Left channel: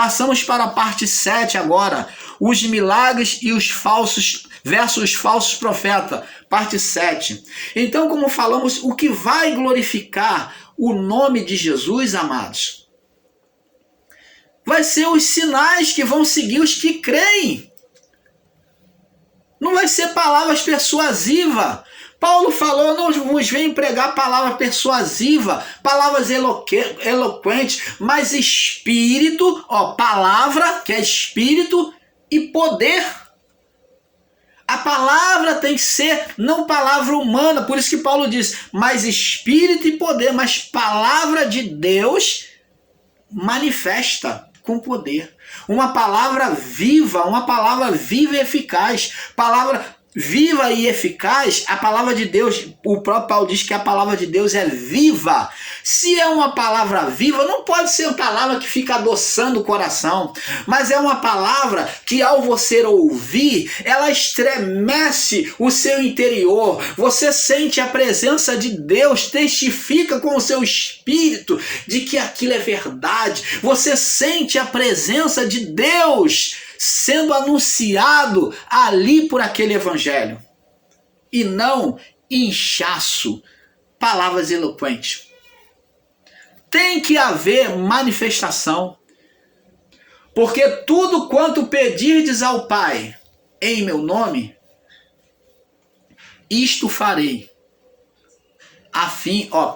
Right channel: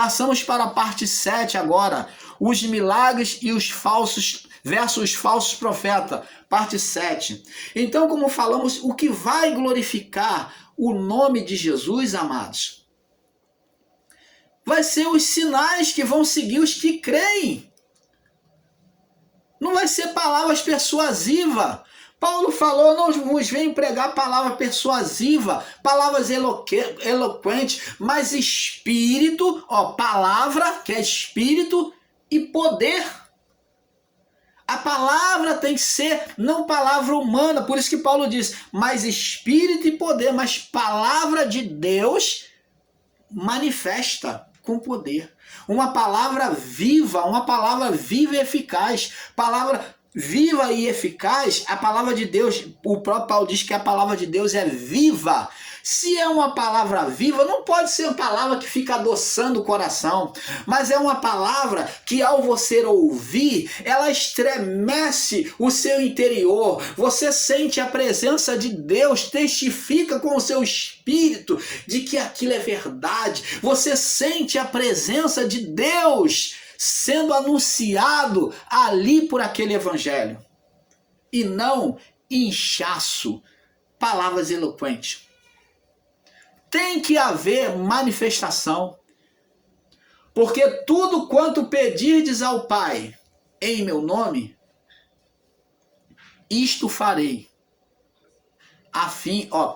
Passamos para a parte 7 agora. Os milagres e os falsos versus os falsos profetas. Parte 7. Então, como falamos, o que vai glorificar o nome de Jesus, amados, vai ser os sinais que vão seguir os que creem. Não vai ser palavras persuasivas. Paulo falou, não vos venho pregar palavra persuasiva, palavras eloquentes, mas espírito, palavra, que é espírito e poder. A palavra tem que ser não palavra humana, por isso que Paulo diz, mas espírito e poder, mas palavra de Deus manifesta com poder. Uma palavra viva e eficaz. Palavra viva e eficaz, a palavra de Deus, o próprio Paulo diz que a palavra de Deus é viva. Se é uma palavra viva, não pode ser uma palavra que fica adoçando o coração, mas é uma palavra que ao você ouvir, ela estremece o seu interior. Você sente a presença de Deus, testifica com o seu espírito de que aquilo é verdade. Você sente a presença de Deus sendo anunciado ali por aquele evangelho. E não inchaço, palavras eloquentes. Tem que haver manifestação. Porque tudo quanto pedirdes ao Pai em meu nome, isto farei.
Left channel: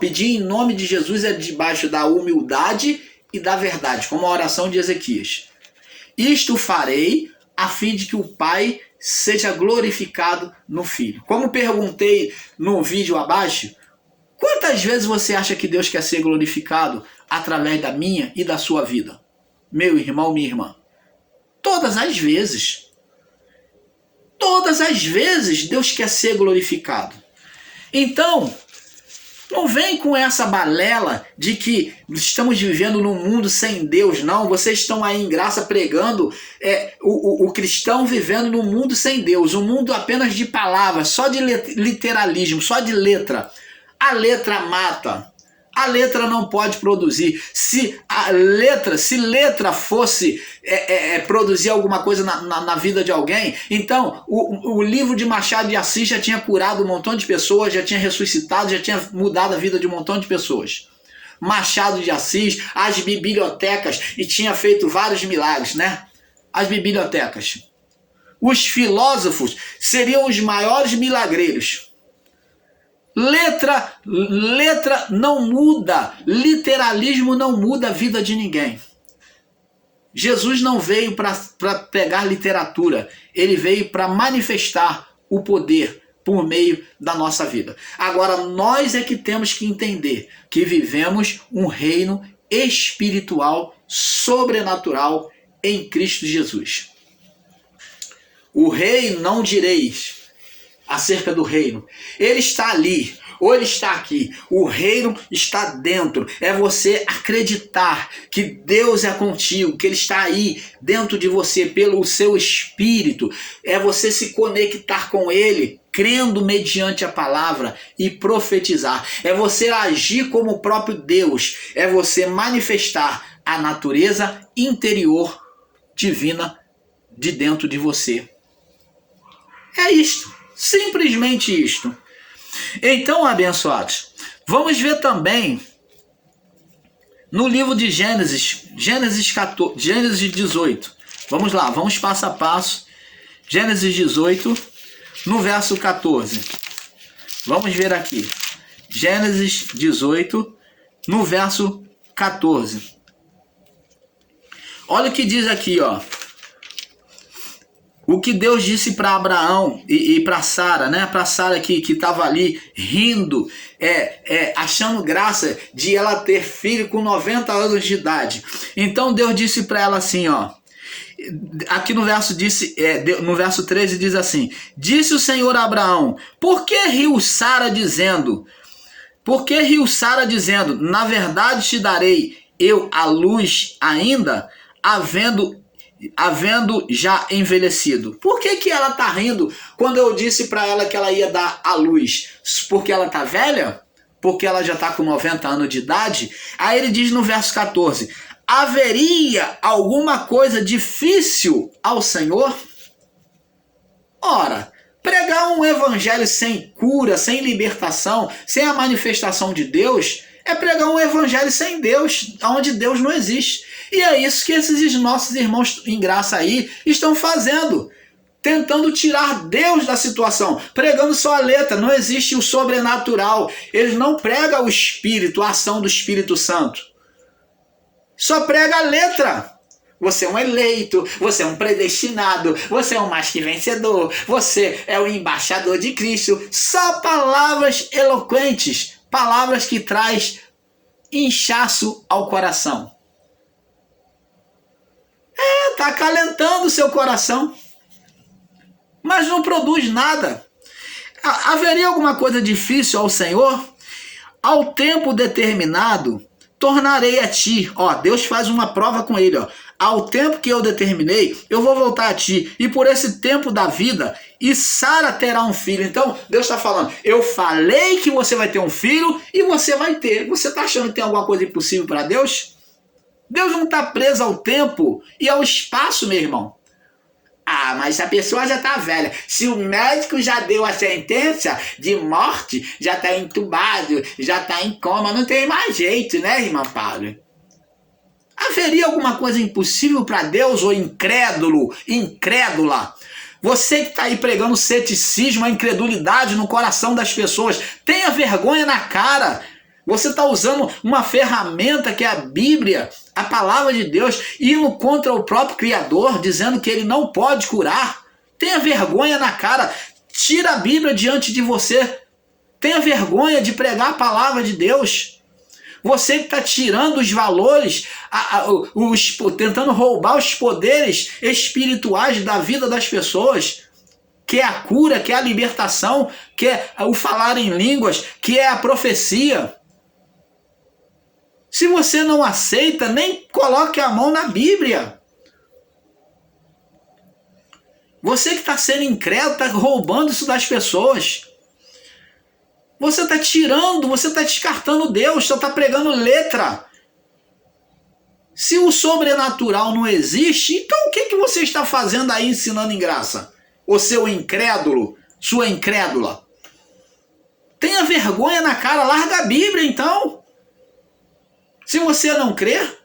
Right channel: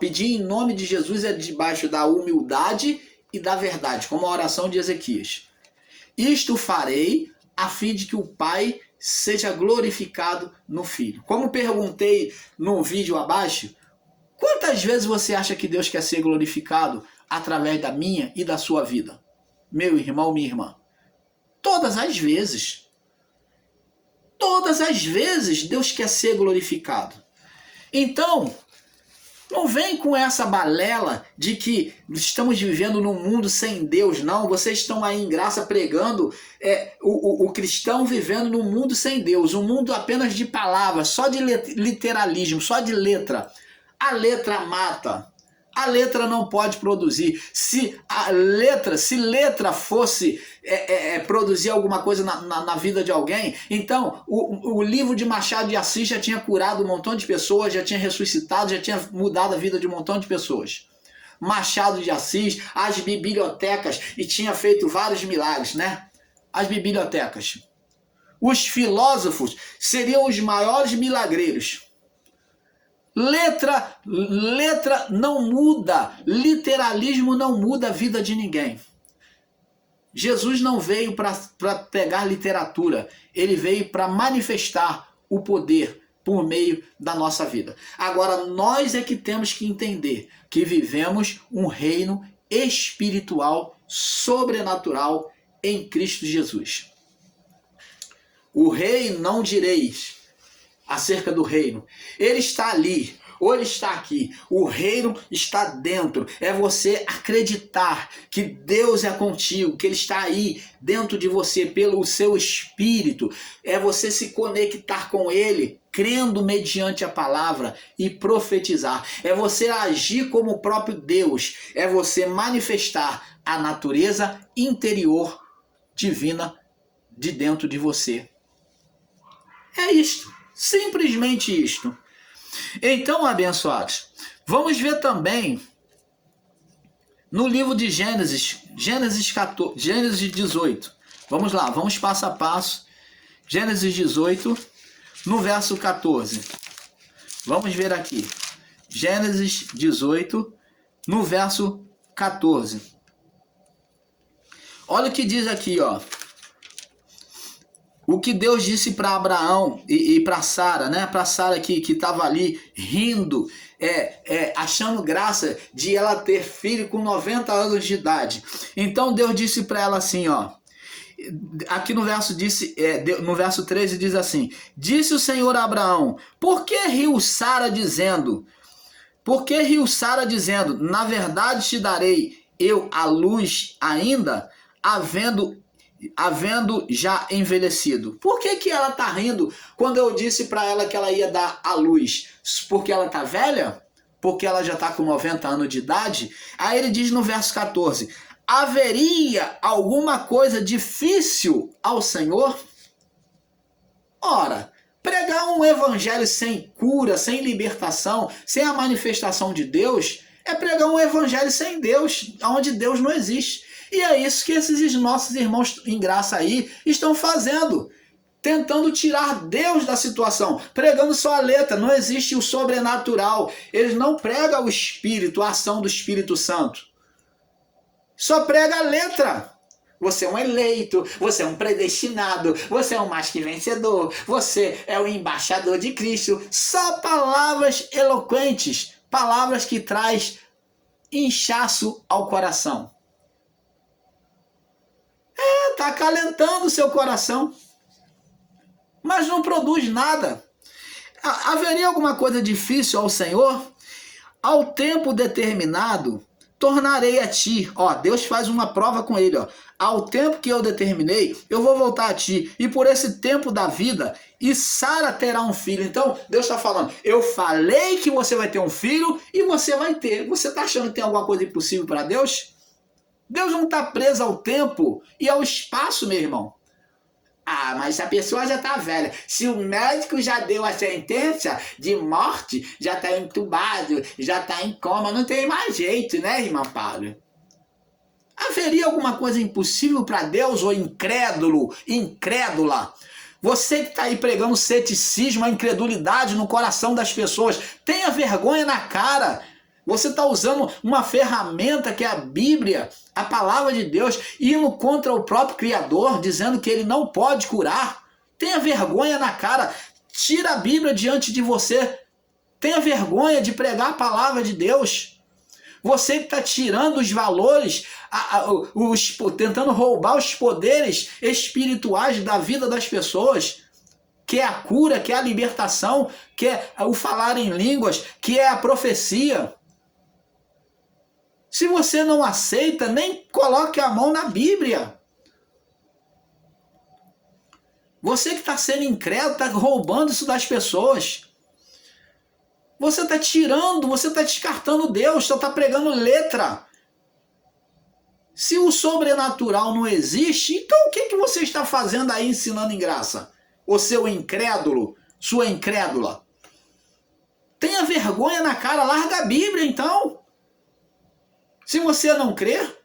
Pedir em nome de Jesus é debaixo da humildade e da verdade, como a oração de Ezequias. Isto farei a fim de que o Pai seja glorificado no Filho. Como perguntei no vídeo abaixo, quantas vezes você acha que Deus quer ser glorificado através da minha e da sua vida? Meu irmão, minha irmã. Todas as vezes. Todas as vezes Deus quer ser glorificado. Então, não vem com essa balela de que estamos vivendo num mundo sem Deus, não. Vocês estão aí em graça pregando o cristão vivendo num mundo sem Deus, um mundo apenas de palavras, só de literalismo, só de letra. A letra mata. A letra não pode produzir. Se letra fosse produzir alguma coisa na vida de alguém, então o livro de Machado de Assis já tinha curado um montão de pessoas, já tinha ressuscitado, já tinha mudado a vida de um montão de pessoas. Machado de Assis, as bibliotecas, e tinha feito vários milagres, né? As bibliotecas. Os filósofos seriam os maiores milagreiros. Letra não muda, literalismo não muda a vida de ninguém. Jesus não veio para pegar literatura, ele veio para manifestar o poder por meio da nossa vida. Agora, nós é que temos que entender que vivemos um reino espiritual, sobrenatural em Cristo Jesus. O reino, não direis acerca do reino, ele está ali, ou ele está aqui. O reino está dentro. É você acreditar que Deus é contigo, que ele está aí dentro de você pelo seu espírito. É você se conectar com ele, crendo mediante a palavra e profetizar. É você agir como o próprio Deus. É você manifestar a natureza interior divina de dentro de você. É isto. Simplesmente isto. Então, abençoados, vamos ver também no livro de Gênesis 18. Vamos lá, vamos passo a passo. Gênesis 18, no verso 14. Vamos ver aqui. Gênesis 18, no verso 14. Olha o que diz aqui, ó. O que Deus disse para Abraão e para Sara, né? Para Sara que estava ali rindo, achando graça de ela ter filho com 90 anos de idade. Então Deus disse para ela assim, ó. Aqui no verso 13 diz assim: disse o Senhor a Abraão, por que riu Sara dizendo, na verdade te darei eu a luz ainda, havendo já envelhecido. Por que ela está rindo quando eu disse para ela que ela ia dar a luz? Porque ela está velha? Porque ela já está com 90 anos de idade? Aí ele diz no verso 14: haveria alguma coisa difícil ao Senhor? Ora, pregar um evangelho sem cura, sem libertação, sem a manifestação de Deus, é pregar um evangelho sem Deus, onde Deus não existe. E é isso que esses nossos irmãos em graça aí estão fazendo, tentando tirar Deus da situação, pregando só a letra, não existe o sobrenatural. Eles não pregam o Espírito, a ação do Espírito Santo. Só prega a letra. Você é um eleito, você é um predestinado, você é um mais que vencedor, você é o embaixador de Cristo. Só palavras eloquentes, palavras que traz inchaço ao coração. Está acalentando o seu coração, mas não produz nada. Haveria alguma coisa difícil ao Senhor? Ao tempo determinado, tornarei a ti. Deus faz uma prova com ele. Ao tempo que eu determinei, eu vou voltar a ti. E por esse tempo da vida, e Sara terá um filho. Então, Deus está falando, eu falei que você vai ter um filho e você vai ter. Você está achando que tem alguma coisa impossível para Deus? Deus não está preso ao tempo e ao espaço, meu irmão. Mas a pessoa já está velha. Se o médico já deu a sentença de morte, já está entubado, já está em coma, não tem mais jeito, né, irmão Paulo? Haveria alguma coisa impossível para Deus ou incrédulo, incrédula? Você que está aí pregando ceticismo, a incredulidade no coração das pessoas, tenha vergonha na cara. Você está usando uma ferramenta que é a Bíblia, a palavra de Deus, indo contra o próprio Criador, dizendo que ele não pode curar. Tenha vergonha na cara. Tira a Bíblia diante de você. Tenha vergonha de pregar a palavra de Deus. Você que está tirando os valores, tentando roubar os poderes espirituais da vida das pessoas, que é a cura, que é a libertação, que é o falar em línguas, que é a profecia. Se você não aceita, nem coloque a mão na Bíblia. Você que está sendo incrédulo, está roubando isso das pessoas. Você está tirando, você está descartando Deus, só está pregando letra. Se o sobrenatural não existe, então o que você está fazendo aí ensinando em graça? O seu incrédulo, sua incrédula. Tenha vergonha na cara, larga a Bíblia então. Se você não crer,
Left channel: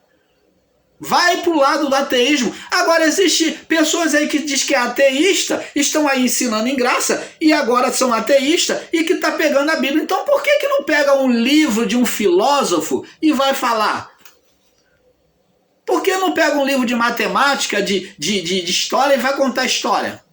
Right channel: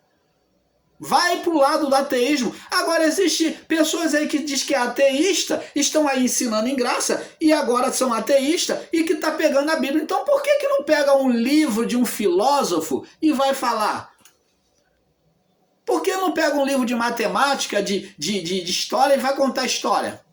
vai para o lado do ateísmo. Agora, existem pessoas aí que dizem que é ateísta, estão aí ensinando em graça, e agora são ateístas, e que está pegando a Bíblia. Então, por que não pega um livro de um filósofo e vai falar? Por que não pega um livro de matemática, de história e vai contar história?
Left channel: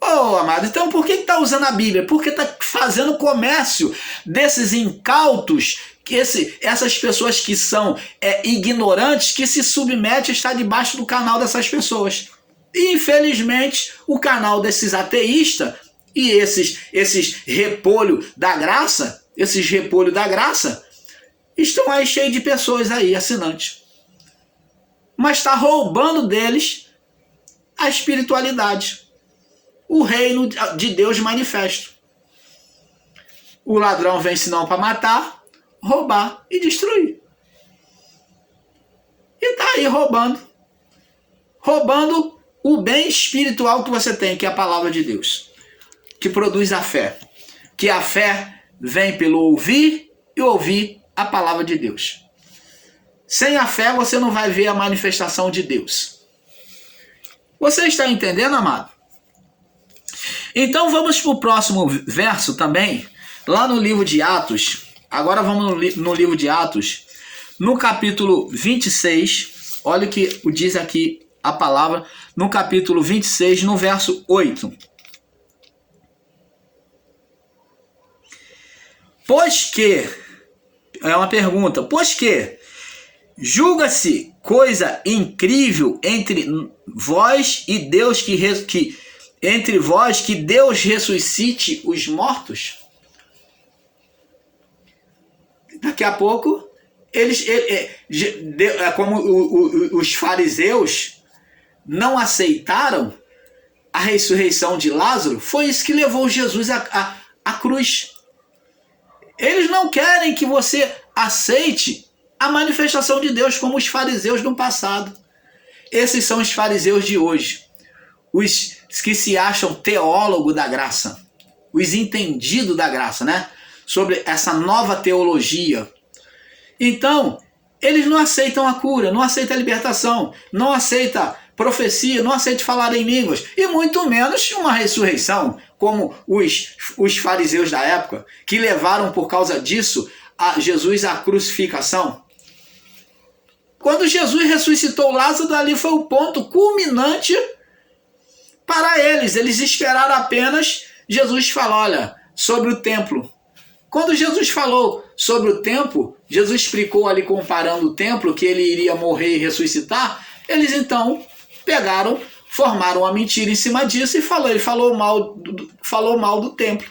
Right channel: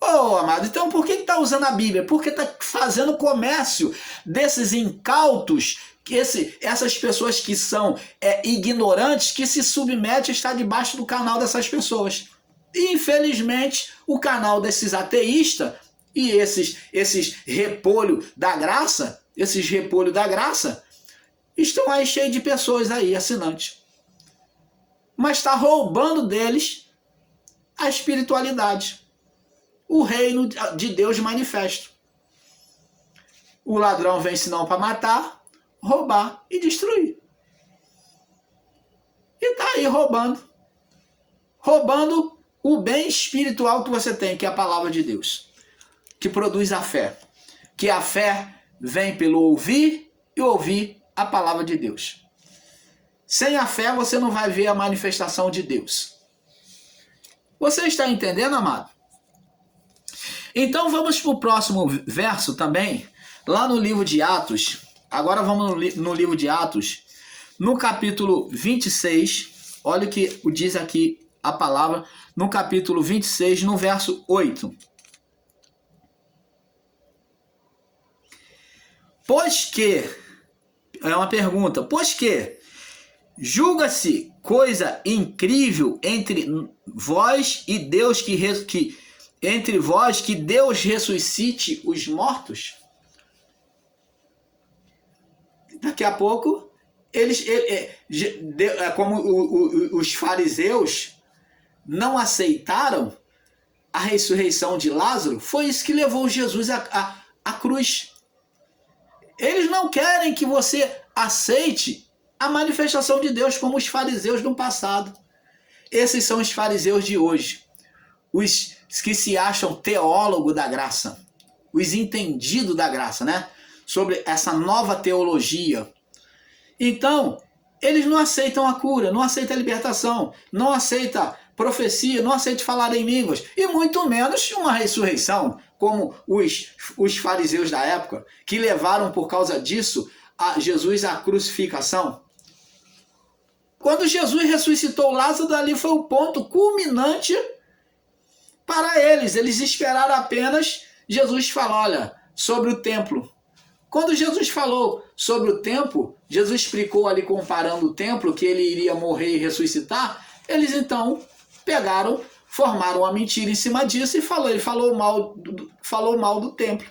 Amado, então por que está usando a Bíblia? Porque está fazendo comércio desses incautos, que essas pessoas que são ignorantes, que se submetem a estar debaixo do canal dessas pessoas. E, infelizmente, o canal desses ateístas e esses repolho da graça, estão aí cheios de pessoas aí, assinantes. Mas está roubando deles a espiritualidade. O reino de Deus manifesto. O ladrão vem senão para matar, roubar e destruir. E está aí roubando. Roubando o bem espiritual que você tem, que é a palavra de Deus. Que produz a fé. Que a fé vem pelo ouvir e ouvir a palavra de Deus. Sem a fé você não vai ver a manifestação de Deus. Você está entendendo, amado? Então vamos para o próximo verso também, lá no livro de Atos. Agora vamos no livro de Atos, no capítulo 26. Olha o que diz aqui a palavra, no capítulo 26, no verso 8. Pois que, é uma pergunta, pois que julga-se coisa incrível entre vós e Deus entre vós que Deus ressuscite os mortos? Daqui a pouco, como os fariseus não aceitaram a ressurreição de Lázaro, foi isso que levou Jesus à cruz. Eles não querem que você aceite a manifestação de Deus, como os fariseus do passado. Esses são os fariseus de hoje, os que se acham teólogos da graça, os entendidos da graça, né? Sobre essa nova teologia. Então, eles não aceitam a cura, não aceitam a libertação, não aceitam profecia, não aceitam falar em línguas, e muito menos uma ressurreição, como os fariseus da época, que levaram por causa disso a Jesus à crucificação. Quando Jesus ressuscitou Lázaro, ali foi o ponto culminante para eles. Eles esperaram apenas Jesus falar, olha, sobre o templo. Quando Jesus falou sobre o templo, Jesus explicou ali comparando o templo, que ele iria morrer e ressuscitar, eles então pegaram, formaram uma mentira em cima disso e ele falou mal do templo.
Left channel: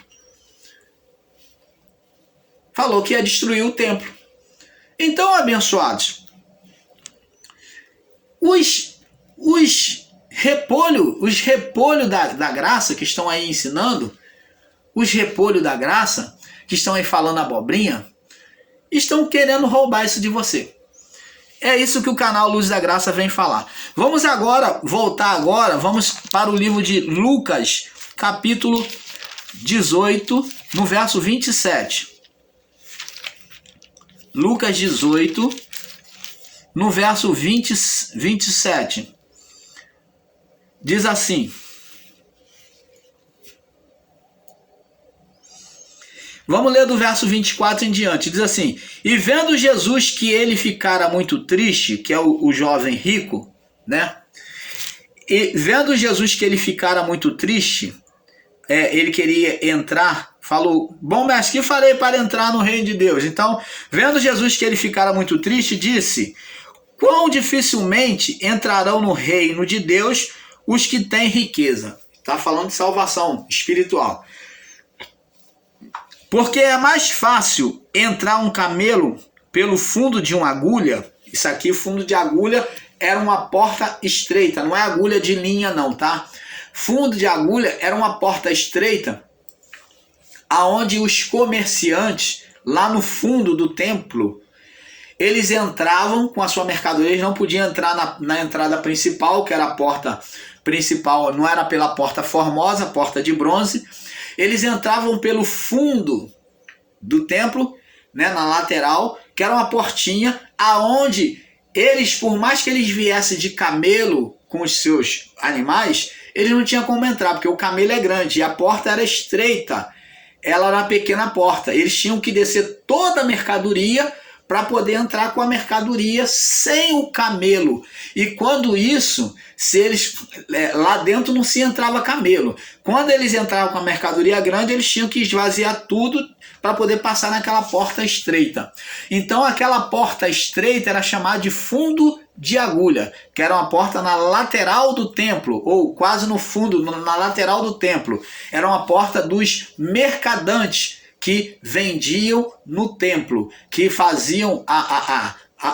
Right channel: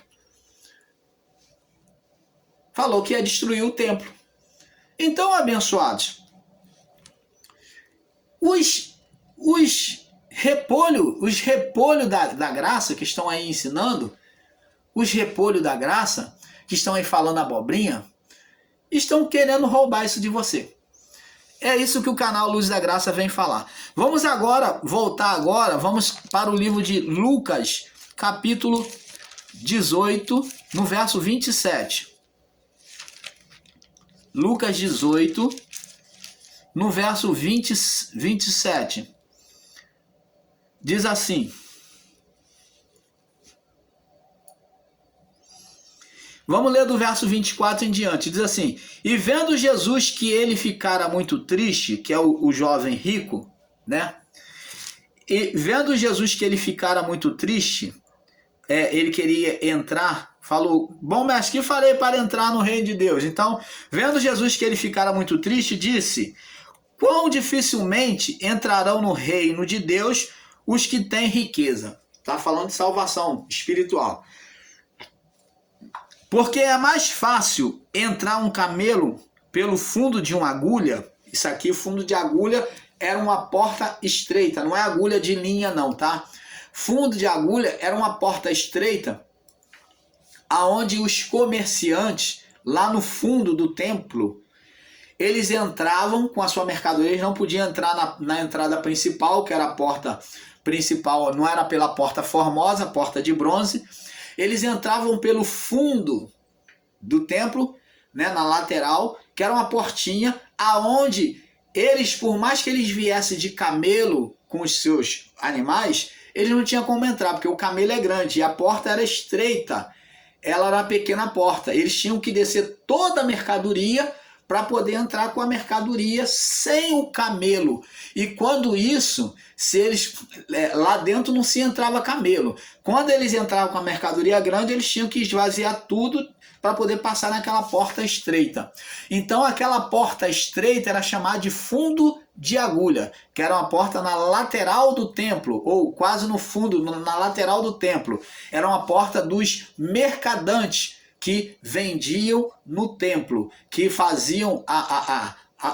Falou que ia destruir o templo. Então, abençoados, os repolhos da graça que estão aí ensinando, os repolhos da graça que estão aí falando abobrinha, estão querendo roubar isso de você. É isso que o canal Luz da Graça vem falar. Vamos vamos para o livro de Lucas, capítulo 18, no verso 27. Lucas 18, no verso 27. Diz assim. Vamos ler do verso 24 em diante. Diz assim: e vendo Jesus que ele ficara muito triste, que é o jovem rico, né? E vendo Jesus que ele ficara muito triste, ele queria entrar, falou, bom mestre, que farei para entrar no reino de Deus? Então, vendo Jesus que ele ficara muito triste, disse, quão dificilmente entrarão no reino de Deus os que têm riqueza. Está falando de salvação espiritual. Porque é mais fácil entrar um camelo pelo fundo de uma agulha. Isso aqui, fundo de agulha, era uma porta estreita, não é agulha de linha não, tá? Fundo de agulha era uma porta estreita, aonde os comerciantes, lá no fundo do templo, eles entravam com a sua mercadoria, eles não podiam entrar na entrada principal, que era a porta principal, não era pela porta formosa, porta de bronze. Eles entravam pelo fundo do templo, né, na lateral, que era uma portinha, aonde eles, por mais que eles viessem de camelo com os seus animais, eles não tinham como entrar, porque o camelo é grande e a porta era estreita, ela era uma pequena porta. Eles tinham que descer toda a mercadoria para poder entrar com a mercadoria sem o camelo. E quando isso, se eles lá dentro não se entrava camelo. Quando eles entravam com a mercadoria grande, eles tinham que esvaziar tudo para poder passar naquela porta estreita. Então aquela porta estreita era chamada de fundo de agulha, que era uma porta na lateral do templo, ou quase no fundo, na lateral do templo. Era uma porta dos mercadantes que vendiam no templo, que faziam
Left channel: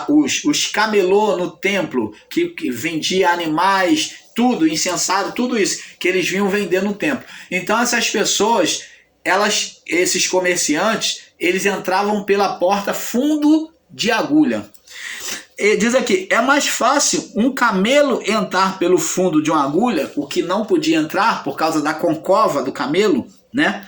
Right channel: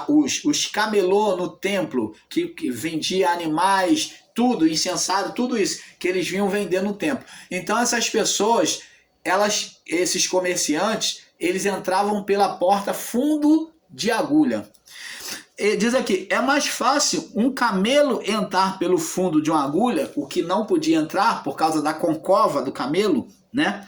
os camelô no templo, que vendia animais, tudo, incensário, tudo isso, que eles vinham vender no templo. Então essas pessoas, esses comerciantes, eles entravam pela porta fundo de agulha. E diz aqui, é mais fácil um camelo entrar pelo fundo de uma agulha, o que não podia entrar por causa da concova do camelo, né?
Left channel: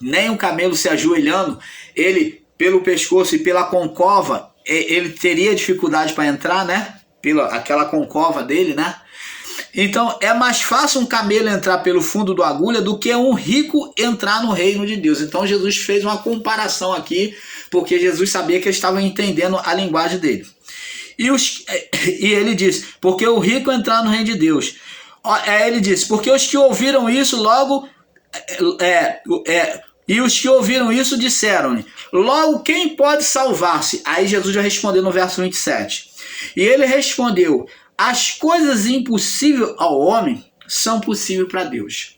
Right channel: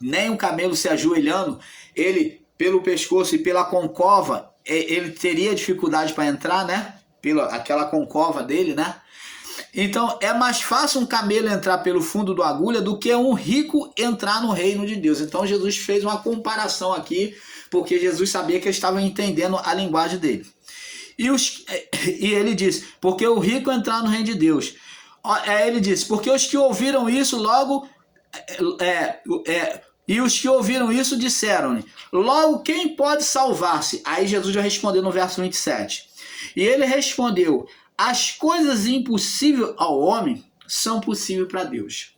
Nem um camelo se ajoelhando, ele pelo pescoço e pela concova, ele teria dificuldade para entrar, né? Aquela concova dele, né? Então é mais fácil um camelo entrar pelo fundo da agulha do que um rico entrar no reino de Deus. Então Jesus fez uma comparação aqui, porque Jesus sabia que eles estavam entendendo a linguagem dele. E ele disse, porque o rico entrar no reino de Deus. Ele disse, porque os que ouviram isso logo... E os que ouviram isso disseram-lhe, logo quem pode salvar-se? Aí Jesus já respondeu no verso 27. E ele respondeu, as coisas impossíveis ao homem são possíveis para Deus.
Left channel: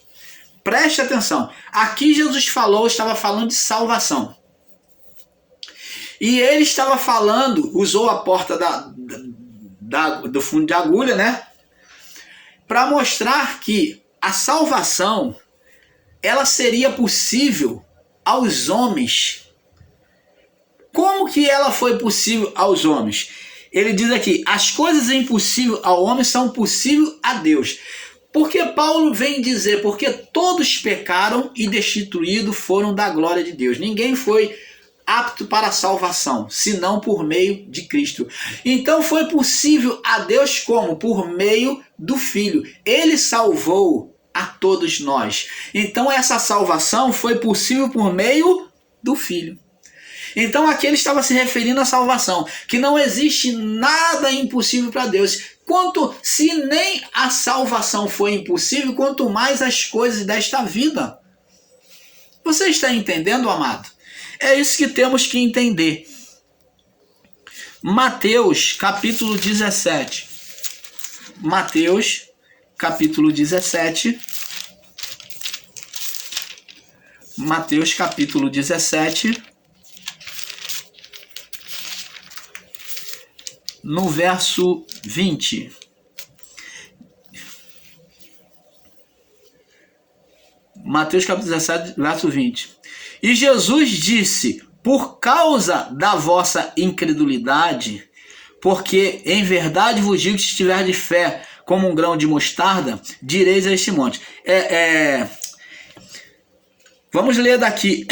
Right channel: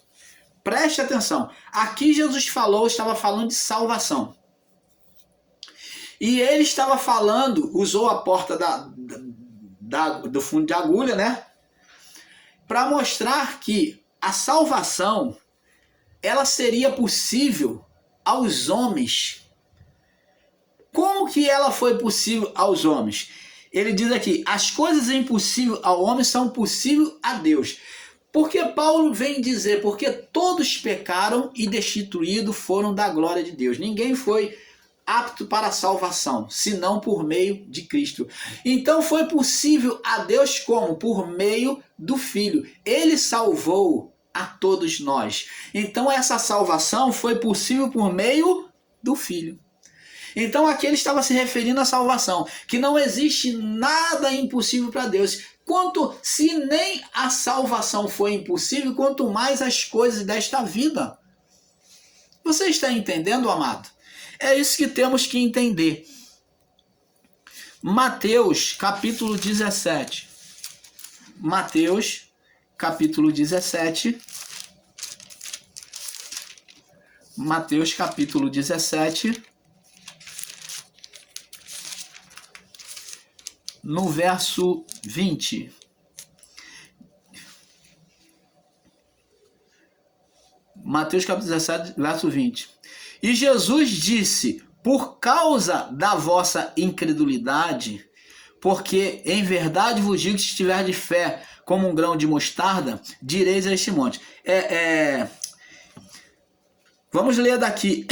Preste atenção. Aqui Jesus estava falando de salvação. E ele estava falando, usou a porta do fundo de agulha, né? Para mostrar que a salvação, ela seria possível aos homens Como que ela foi possível aos homens? Ele diz aqui, as coisas impossíveis ao homem são possíveis a Deus. Porque Paulo vem dizer, porque todos pecaram e destituídos foram da glória de Deus. Ninguém foi apto para a salvação, senão por meio de Cristo. Então foi possível a Deus como? Por meio do Filho. Ele salvou a todos nós. Então essa salvação foi possível por meio do Filho. Então aqui ele estava se referindo à salvação, que não existe nada impossível para Deus. Se nem a salvação foi impossível, quanto mais as coisas desta vida. Você está entendendo, amado? É isso que temos que entender. Mateus capítulo 17. Mateus capítulo 17. Mateus capítulo 17. No verso 20. Mateus capítulo 17, verso 20. E Jesus disse, por causa da vossa incredulidade, porque em verdade vos digo que se tiver de fé como um grão de mostarda, direis a este monte. Vamos ler daqui.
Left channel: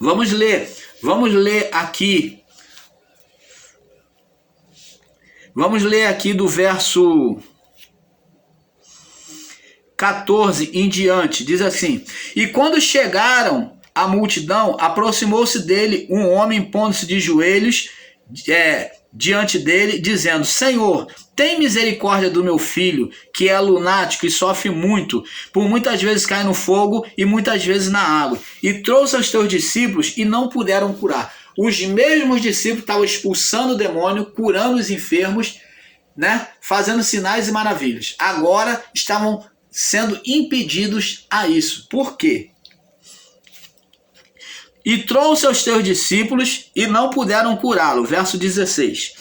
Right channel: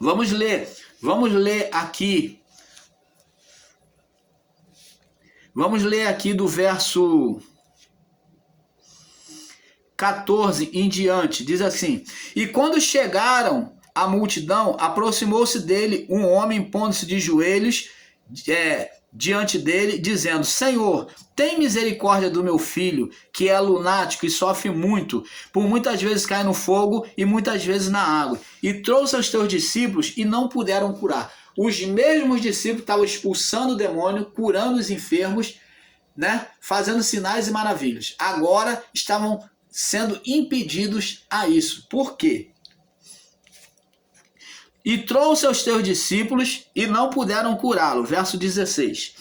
Vamos ler aqui. Vamos ler aqui do verso 14 em diante. Diz assim: e quando chegaram à multidão, aproximou-se dele um homem, pondo-se de joelhos diante dele, dizendo: Senhor, tem misericórdia do meu filho, que é lunático e sofre muito, por muitas vezes cai no fogo e muitas vezes na água. E trouxe aos teus discípulos e não puderam curar. Os mesmos discípulos estavam expulsando o demônio, curando os enfermos, né? Fazendo sinais e maravilhas. Agora estavam sendo impedidos a isso. Por quê? E trouxe aos teus discípulos e não puderam curá-lo. Verso 16.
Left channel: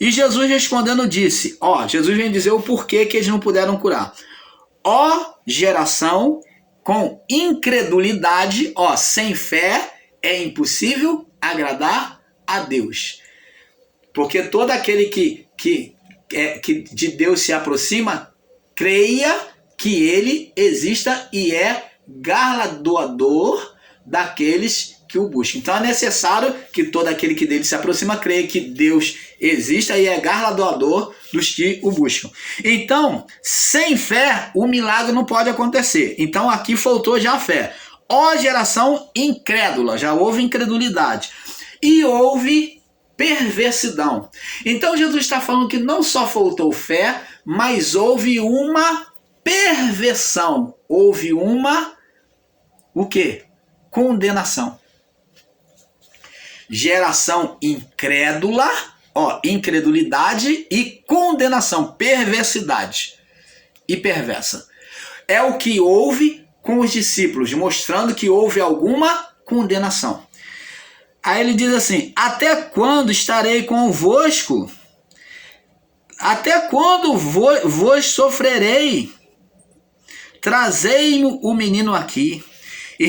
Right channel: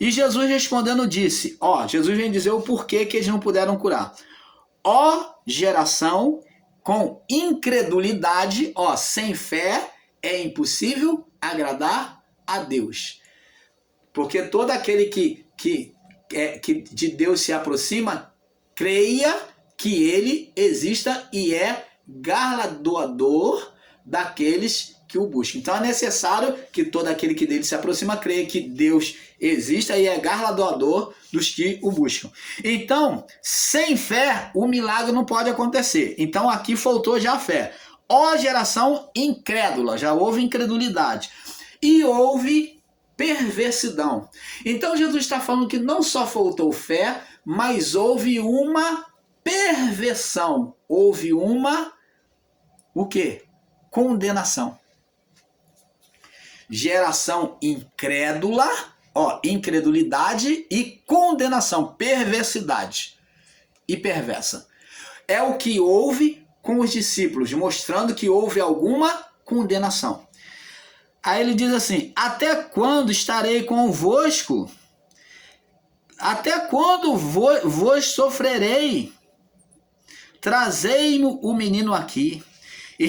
E Jesus respondendo disse, Jesus vem dizer o porquê que eles não puderam curar. Geração com incredulidade, sem fé, é impossível agradar a Deus. Porque todo aquele que de Deus se aproxima, creia que ele exista e é galardoador daqueles que o buscam. Então é necessário que todo aquele que dele se aproxima creia que Deus exista e é galardoador dos que o buscam. Então, sem fé, o milagre não pode acontecer. Então aqui faltou já a fé. Geração incrédula, já houve incredulidade. E houve perversidão. Então Jesus está falando que não só faltou fé, mas houve uma perversão. Houve o quê? Condenação. Geração incrédula, incredulidade e condenação, perversidade e perversa. É o que houve com os discípulos, mostrando que houve alguma condenação. Aí ele diz assim: até quando estarei convosco? Até quando vos sofrerei? Trazei-me o menino aqui. E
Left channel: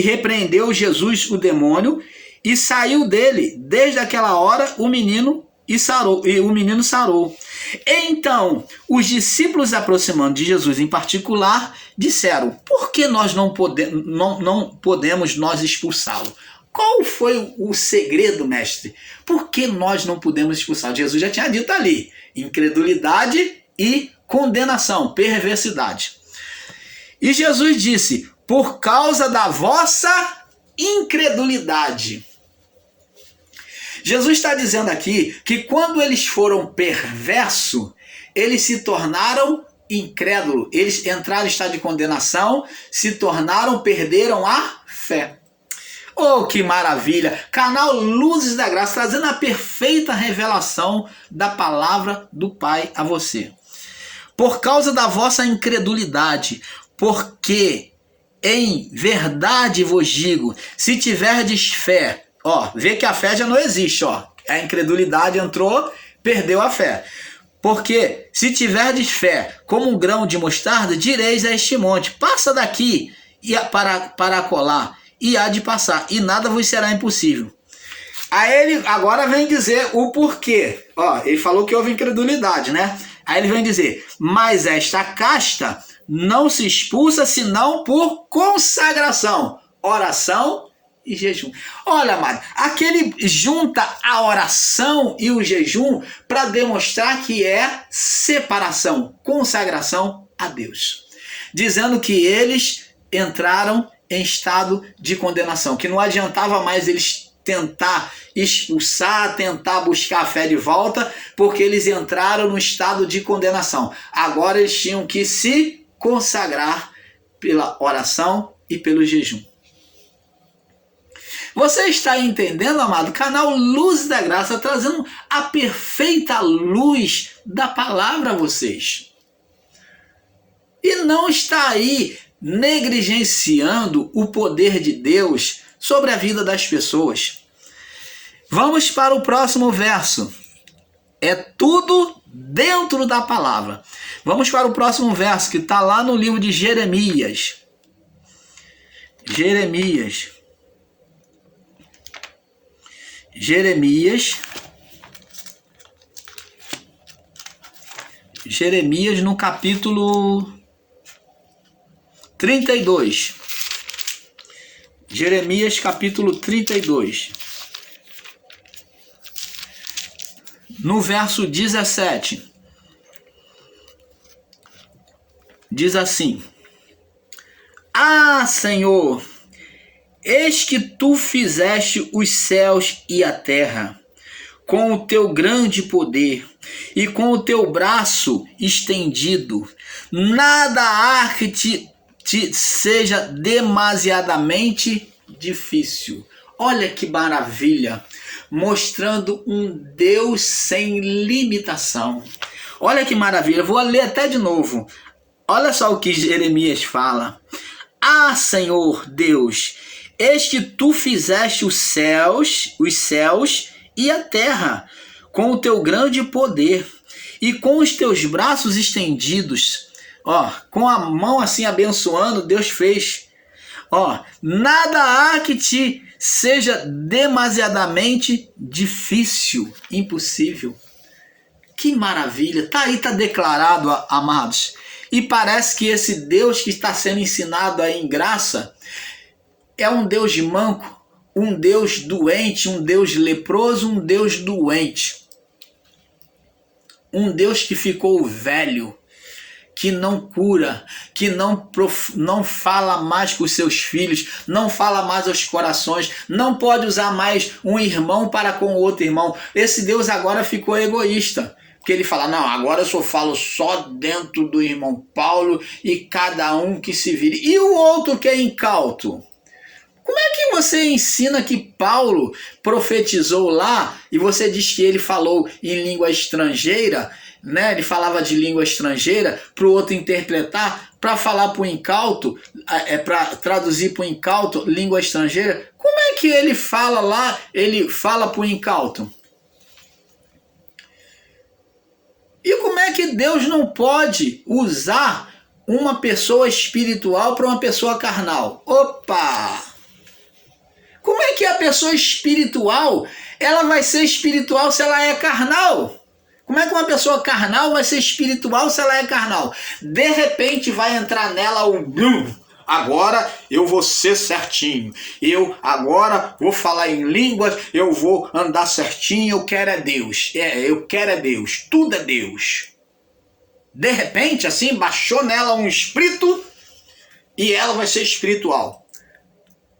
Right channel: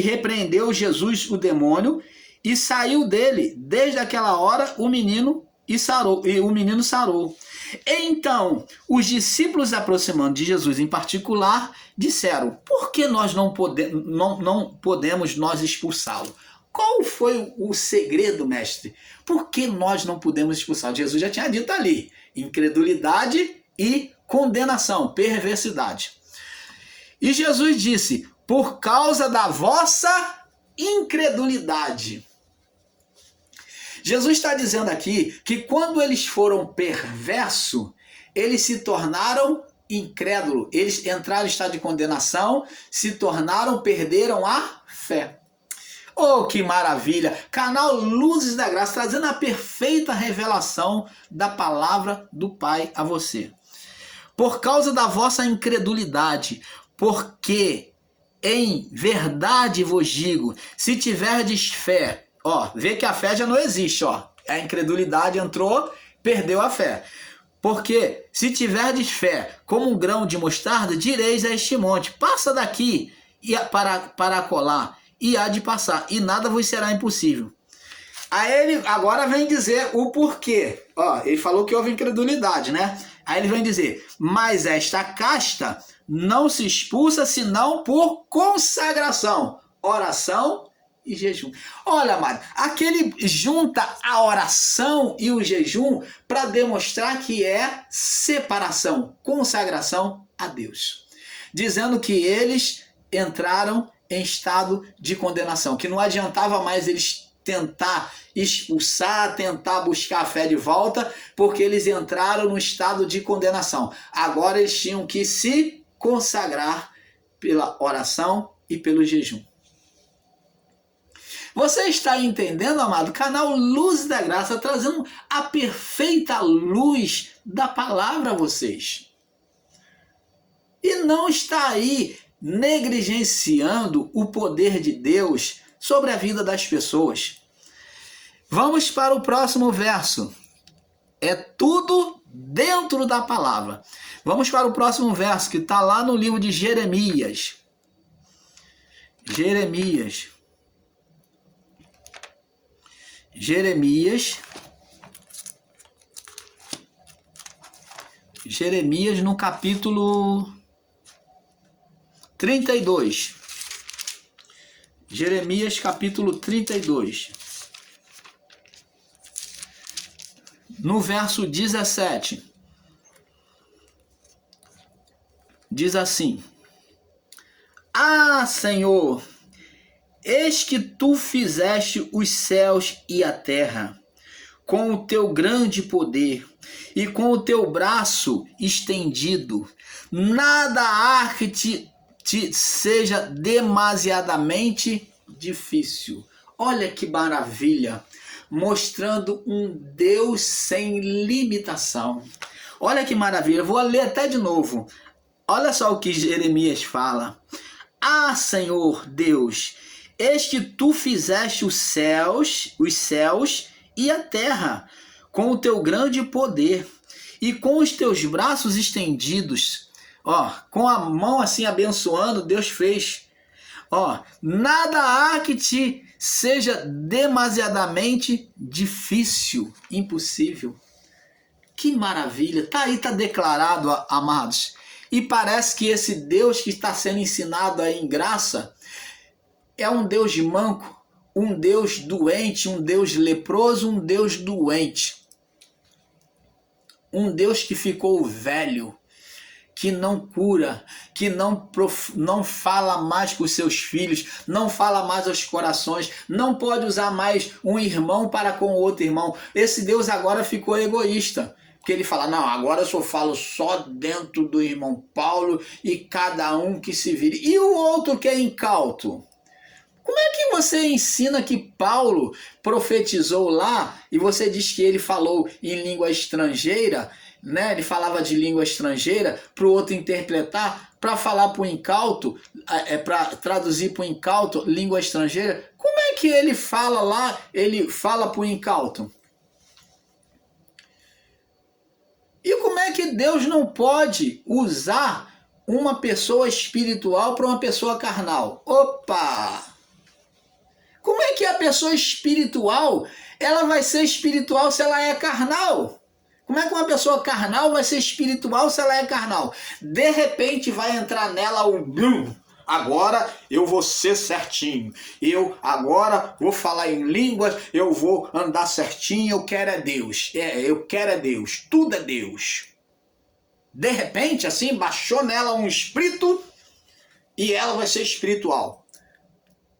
repreendeu Jesus o demônio e saiu dele. Desde aquela hora o menino sarou. Então os discípulos, aproximando de Jesus em particular, disseram: por que nós não podemos nós expulsá-lo? Qual foi o segredo, mestre? Por que nós não podemos expulsar? Jesus já tinha dito ali: incredulidade e condenação, perversidade. E Jesus disse: por causa da vossa incredulidade. Jesus está dizendo aqui que quando eles foram perversos, eles se tornaram incrédulos. Eles entraram em estado de condenação, perderam a fé. Oh, que maravilha! Canal Luzes da Graça, trazendo a perfeita revelação da palavra do Pai a você. Por causa da vossa incredulidade, porque em verdade vos digo, se tiverdes fé, vê que a fé já não existe, a incredulidade entrou, perdeu a fé. Porque se tiverdes fé como um grão de mostarda, direis a este monte: passa daqui para colar, e há de passar, e nada vos será impossível. Aí ele agora vem dizer o porquê. Ó, ele falou que houve incredulidade, né? Aí ele vem dizer, mas esta casta não se expulsa senão por consagração, oração e jejum. Olha, amado, aqui ele junta a oração e o jejum para demonstrar que é separação, consagração a Deus. Dizendo que eles entraram em estado de condenação, que não adiantava mais eles tentar expulsar, tentar buscar a fé de volta, porque eles entraram no estado de condenação. Agora eles tinham que se consagrar pela oração e pelo jejum. Você está entendendo, amado? Canal Luz da Graça, trazendo a perfeita luz da palavra a vocês. E não está aí negligenciando o poder de Deus sobre a vida das pessoas. Vamos para o próximo verso. É tudo dentro da palavra. Vamos para o próximo verso, que está lá no livro de Jeremias. Jeremias no capítulo 32. Jeremias capítulo 32. No verso 17. Diz assim: Ah, Senhor, eis que tu fizeste os céus e a terra, com o teu grande poder e com o teu braço estendido. Nada há que te seja demasiadamente difícil. Olha que maravilha, mostrando um Deus sem limitação. Olha que maravilha, vou ler até de novo. Olha só o que Jeremias fala. Ah, Senhor Deus, eis que tu fizeste os céus e a terra, com o teu grande poder e com os teus braços estendidos. Ó, com a mão assim abençoando, Deus fez. Ó, nada há que te seja demasiadamente difícil, impossível. Que maravilha! Tá aí, tá declarado, amados. E parece que esse Deus que está sendo ensinado aí em graça é um Deus manco, um Deus doente, um Deus leproso, um Deus doente. Um Deus que ficou velho, que não cura, que não fala mais com os seus filhos, não fala mais aos corações, não pode usar mais um irmão para com o outro irmão. Esse Deus agora ficou egoísta, porque ele fala, não, agora eu só falo só dentro do irmão Paulo e cada um que se vire. E o outro que é incauto? Como é que você ensina que Paulo profetizou lá e você diz que ele falou em língua estrangeira, né? Ele falava de língua estrangeira para o outro interpretar, para falar para o incauto, para traduzir para o incauto língua estrangeira? Como é que ele fala lá, ele fala para o incauto? E como é que Deus não pode usar uma pessoa espiritual para uma pessoa carnal? Opa! Como é que a pessoa espiritual, ela vai ser espiritual se ela é carnal? Como é que uma pessoa carnal vai ser espiritual se ela é carnal? De repente vai entrar nela um blum. Agora eu vou ser certinho. Eu agora vou falar em línguas, eu vou andar certinho, eu quero é Deus. Eu quero é Deus, tudo é Deus. De repente, assim, baixou nela um espírito e ela vai ser espiritual.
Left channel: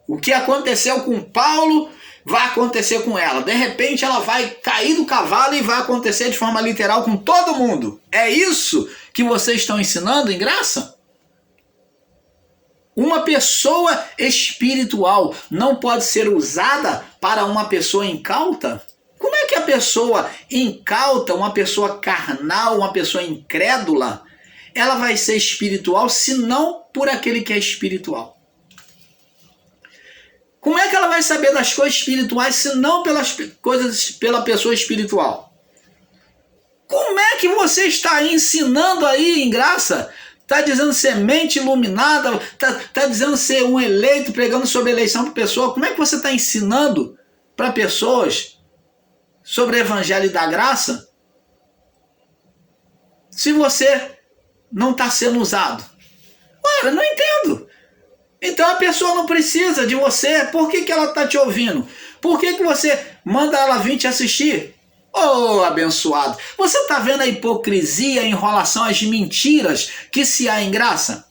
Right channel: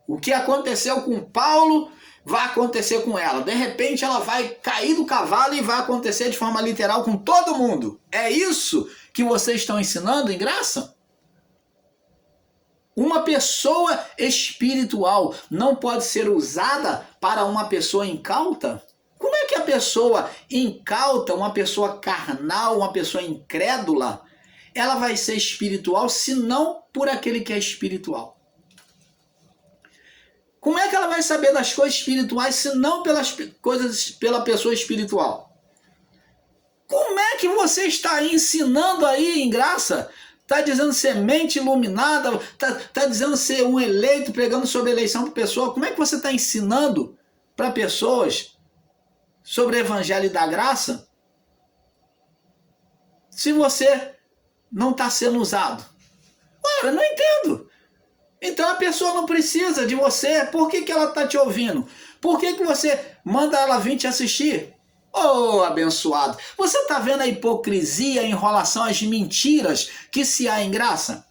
O que aconteceu com Paulo vai acontecer com ela. De repente ela vai cair do cavalo e vai acontecer de forma literal com todo mundo. É isso que vocês estão ensinando em graça? Uma pessoa espiritual não pode ser usada para uma pessoa incauta? Como é que a pessoa incauta, uma pessoa carnal, uma pessoa incrédula, ela vai ser espiritual se não por aquele que é espiritual? Como é que ela vai saber das coisas espirituais se não pela pessoa espiritual? Como é que você está ensinando aí em graça Está dizendo ser mente iluminada, está dizendo ser um eleito, pregando sobre eleição para pessoa. Como é que você está ensinando para pessoas sobre o evangelho da graça se você não está sendo usado? Ora, não entendo. Então a pessoa não precisa de você. Por que ela está te ouvindo? Por que você manda ela vir te assistir? Oh, abençoado! Você está vendo a hipocrisia, a enrolação, as mentiras que se há em graça?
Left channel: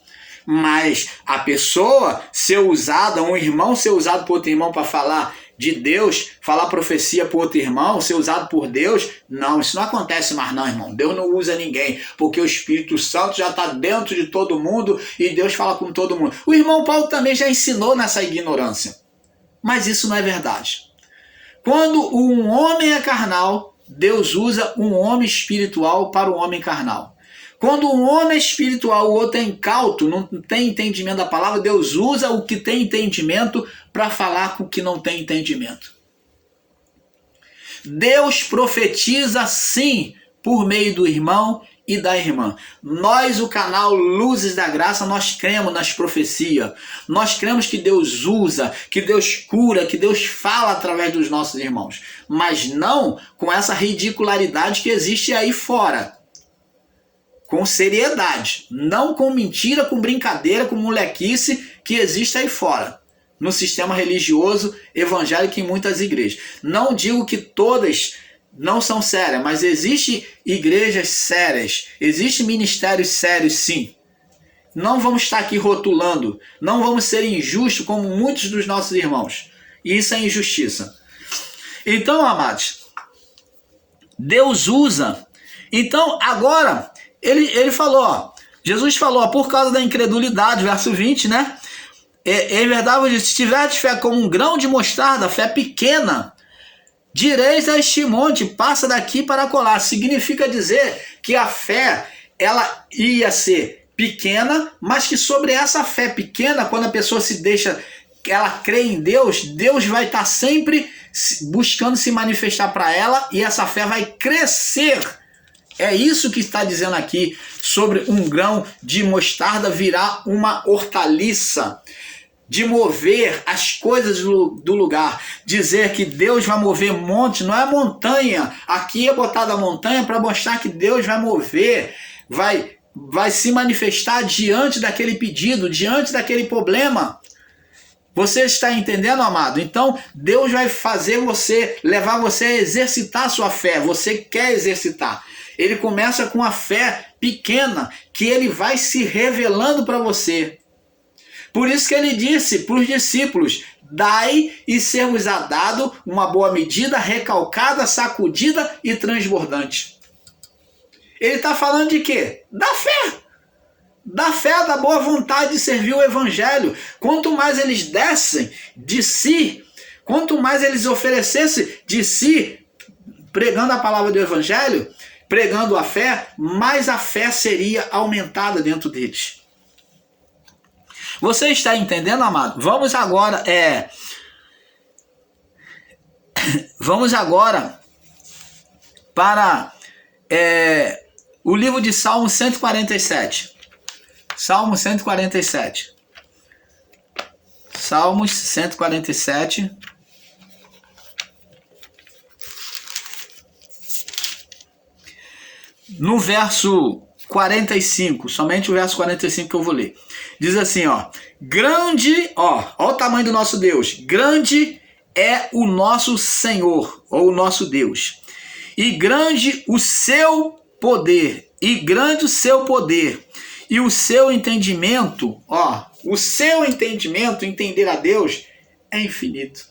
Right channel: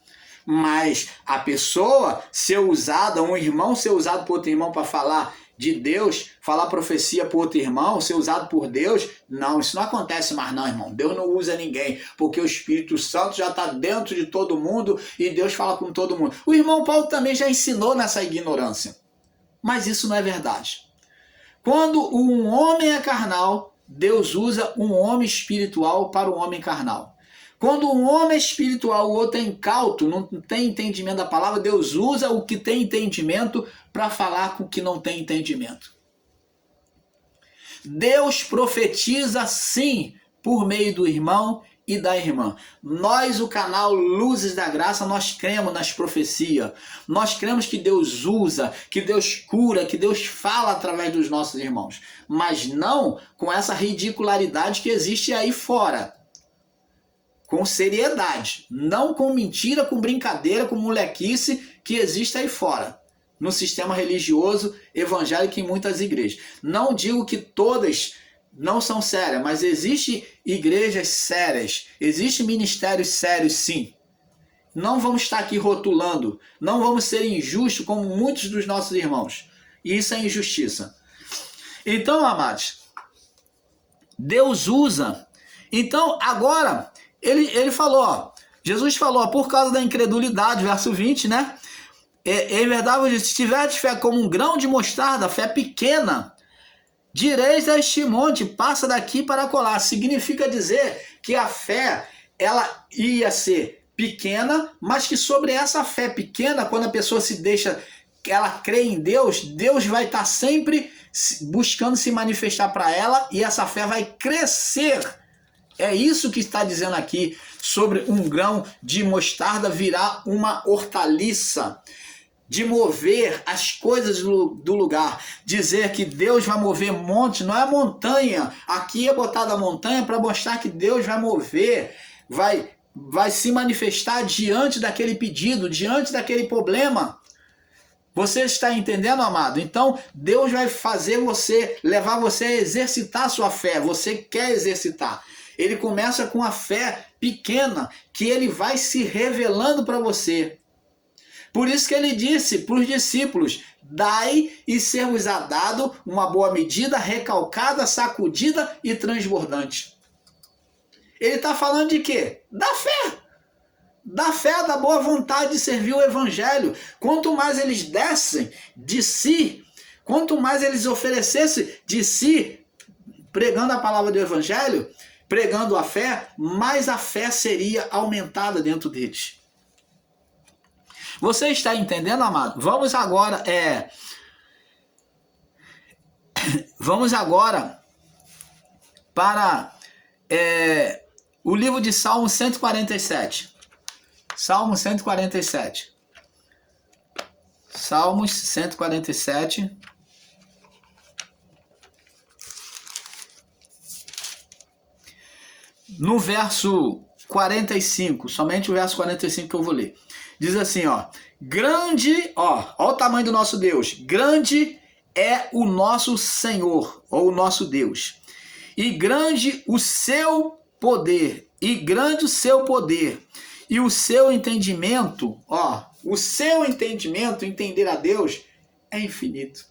Mas a pessoa ser usada, um irmão ser usado por outro irmão para falar de Deus, falar profecia por outro irmão, ser usado por Deus, não, isso não acontece mais não, irmão. Deus não usa ninguém, porque o Espírito Santo já está dentro de todo mundo e Deus fala com todo mundo. O irmão Paulo também já ensinou nessa ignorância, mas isso não é verdade. Quando um homem é carnal, Deus usa um homem espiritual para o homem carnal. Quando um homem é espiritual, o outro é incauto, não tem entendimento da palavra, Deus usa o que tem entendimento para falar com o que não tem entendimento. Deus profetiza sim por meio do irmão e da irmã. Nós, o canal Luzes da Graça, nós cremos nas profecias. Nós cremos que Deus usa, que Deus cura, que Deus fala através dos nossos irmãos. Mas não com essa ridicularidade que existe aí fora. Com seriedade. Não com mentira, com brincadeira, com molequice que existe aí fora. No sistema religioso evangélico em muitas igrejas. Não digo que todas não são sérias, mas existem igrejas sérias, existem ministérios sérios sim. Não vamos estar aqui rotulando, não vamos ser injustos como muitos dos nossos irmãos. E isso é injustiça. Então, amados, Deus usa. Então, agora, ele falou, ó, Jesus falou, ó, por causa da incredulidade, verso 20, né? É verdade, se tiver fé como um grão de mostarda, fé pequena, direis a este monte, passa daqui para colar. Significa dizer que a fé, ela ia ser pequena, mas que sobre essa fé pequena, quando a pessoa se deixa, ela crê em Deus, Deus vai estar sempre buscando se manifestar para ela e essa fé vai crescer. É isso que está dizendo aqui sobre um grão de mostarda virar uma hortaliça. De mover as coisas do lugar. Dizer que Deus vai mover monte, não é montanha. Aqui é botada a montanha para mostrar que Deus vai mover, vai se manifestar diante daquele pedido, diante daquele problema. Você está entendendo, amado? Então, Deus vai fazer você, levar você a exercitar a sua fé. Você quer exercitar. Ele começa com a fé pequena, que ele vai se revelando para você. Por isso que ele disse para os discípulos, dai e ser-vos-á dado uma boa medida, recalcada, sacudida e transbordante. Ele está falando de quê? Da fé. Da fé, da boa vontade de servir o evangelho. Quanto mais eles dessem de si, quanto mais eles oferecessem de si, pregando a palavra do evangelho, pregando a fé, mais a fé seria aumentada dentro deles. Você está entendendo, amado? Vamos agora para o livro de Salmo 147. Salmo 147. Salmos 147. No verso 45, somente o verso 45 que eu vou ler. Diz assim, ó, grande, ó o tamanho do nosso Deus, grande é o nosso Senhor, ou o nosso Deus, e grande o seu poder, e o seu entendimento, ó, o seu entendimento, entender a Deus, é infinito.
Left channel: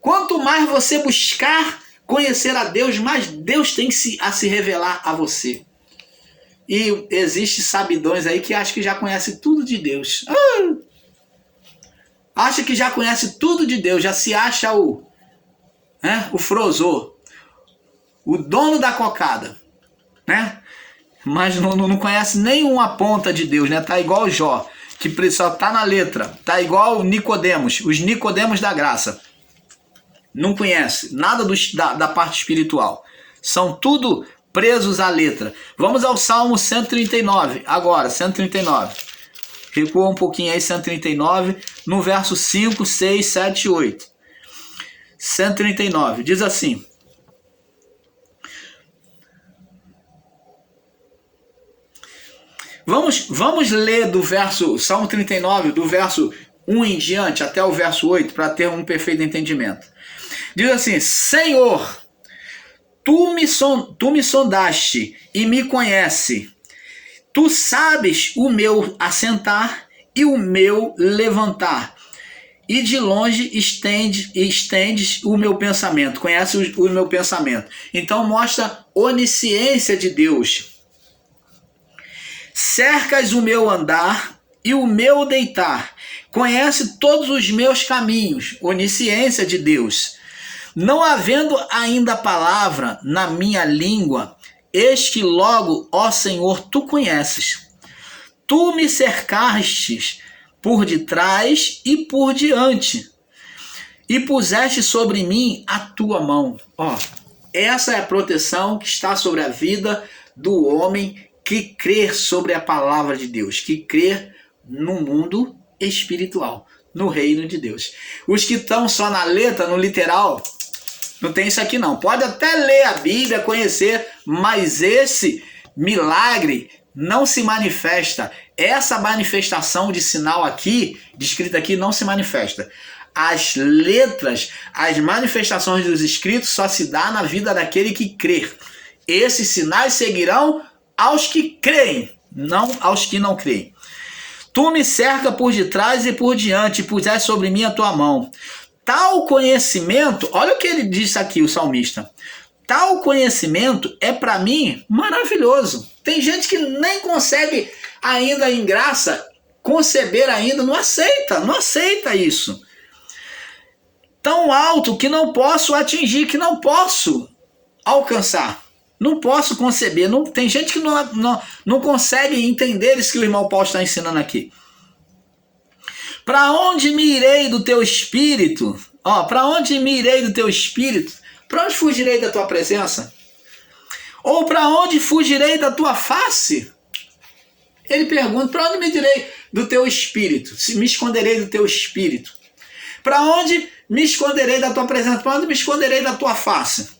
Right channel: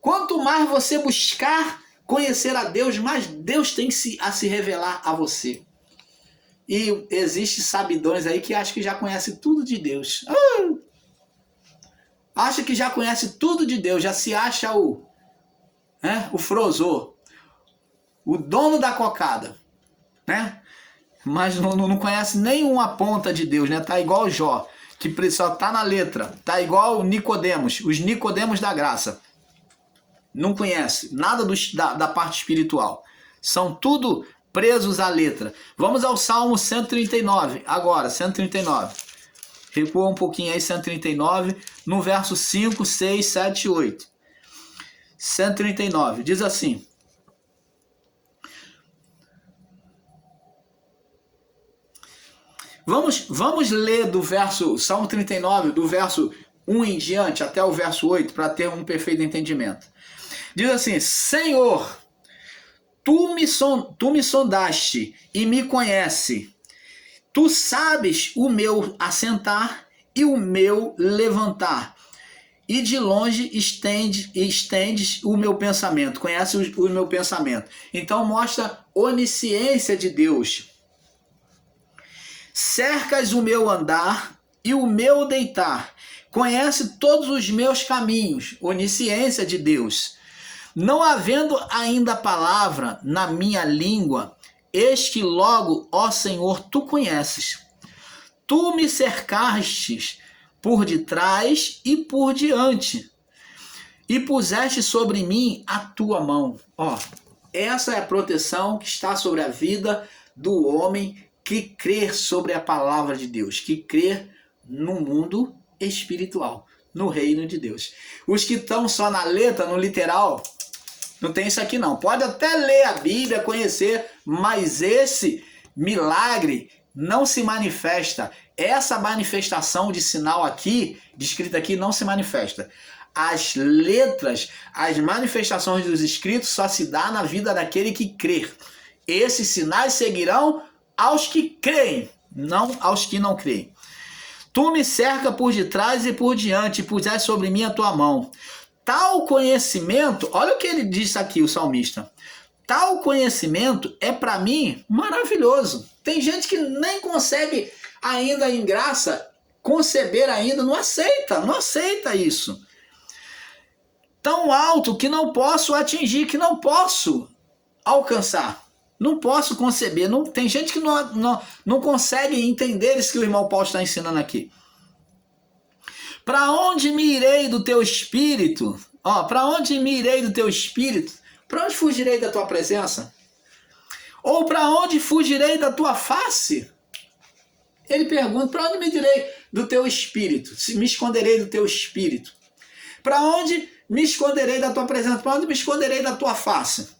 Quanto mais você buscar conhecer a Deus, mais Deus tem a se revelar a você. E existe sabidões aí que acham que já conhece tudo de Deus. Acha que já conhece tudo de Deus, já se acha o frozô, o dono da cocada, né? Mas não conhece nenhuma ponta de Deus, né? Tá igual Jó, que só tá na letra. Tá igual Nicodemos, os Nicodemos da graça. Não conhece nada da parte espiritual. São tudo presos à letra. Vamos ao Salmo 139, agora, 139. Recua um pouquinho aí, 139, no verso 5, 6, 7 e 8. 139, diz assim: Vamos ler do verso, Salmo 39, do verso 1 em diante, até o verso 8, para ter um perfeito entendimento. Diz assim: Senhor, tu me sondaste e me conhece. Tu sabes o meu assentar e o meu levantar. E de longe estendes o meu pensamento. Conhece o meu pensamento. Então mostra onisciência de Deus. Cercas o meu andar e o meu deitar. Conhece todos os meus caminhos. Onisciência de Deus. Não havendo ainda palavra na minha língua, eis que logo, ó Senhor, tu conheces. Tu me cercastes por detrás e por diante, e puseste sobre mim a tua mão. Essa é a proteção que está sobre a vida do homem que crê sobre a palavra de Deus, que crê no mundo espiritual, no reino de Deus. Os que estão só na letra, no literal, não tem isso aqui não. Pode até ler a Bíblia, conhecer, mas esse milagre não se manifesta. Essa manifestação de sinal aqui, descrita aqui, não se manifesta. As letras, as manifestações dos escritos só se dá na vida daquele que crê. Esses sinais seguirão aos que creem, não aos que não creem. Tu me cerca por detrás e por diante, e puseste sobre mim a tua mão. Tal conhecimento, olha o que ele disse aqui, o salmista. Tal conhecimento é para mim maravilhoso. Tem gente que nem consegue ainda em graça conceber ainda, não aceita isso. Tão alto que não posso atingir, que não posso alcançar. Não posso conceber. Tem gente que não consegue entender isso que o irmão Paulo está ensinando aqui. Para onde me irei do teu espírito? Para onde me irei do teu espírito? Para onde fugirei da tua presença? Ou para onde fugirei da tua face? Ele pergunta: para onde me irei do teu espírito? Se me esconderei do teu espírito? Para onde me esconderei da tua presença? Para onde me esconderei da tua face?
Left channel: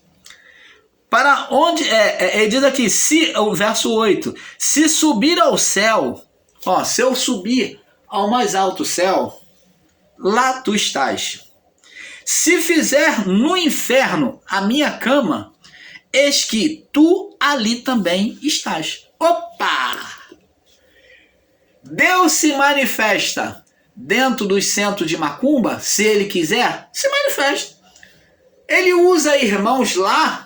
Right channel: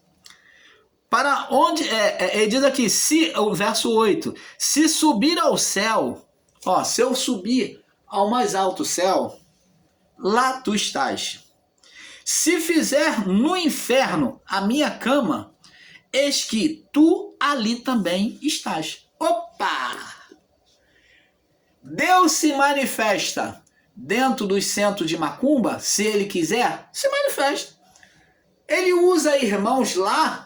Para onde, ele diz aqui, o verso 8, se subir ao céu, se eu subir ao mais alto céu, lá tu estás. Se fizer no inferno a minha cama, eis que tu ali também estás. Opa! Deus se manifesta dentro dos centros de macumba, se ele quiser, se manifesta. Ele usa irmãos lá,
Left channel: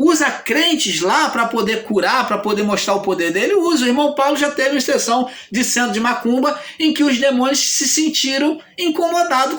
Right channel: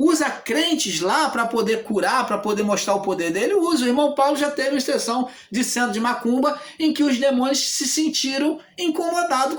usa crentes lá para poder curar, para poder mostrar o poder dele. Usa. O irmão Paulo já teve uma exceção de centro de macumba em que os demônios se sentiram incomodados com a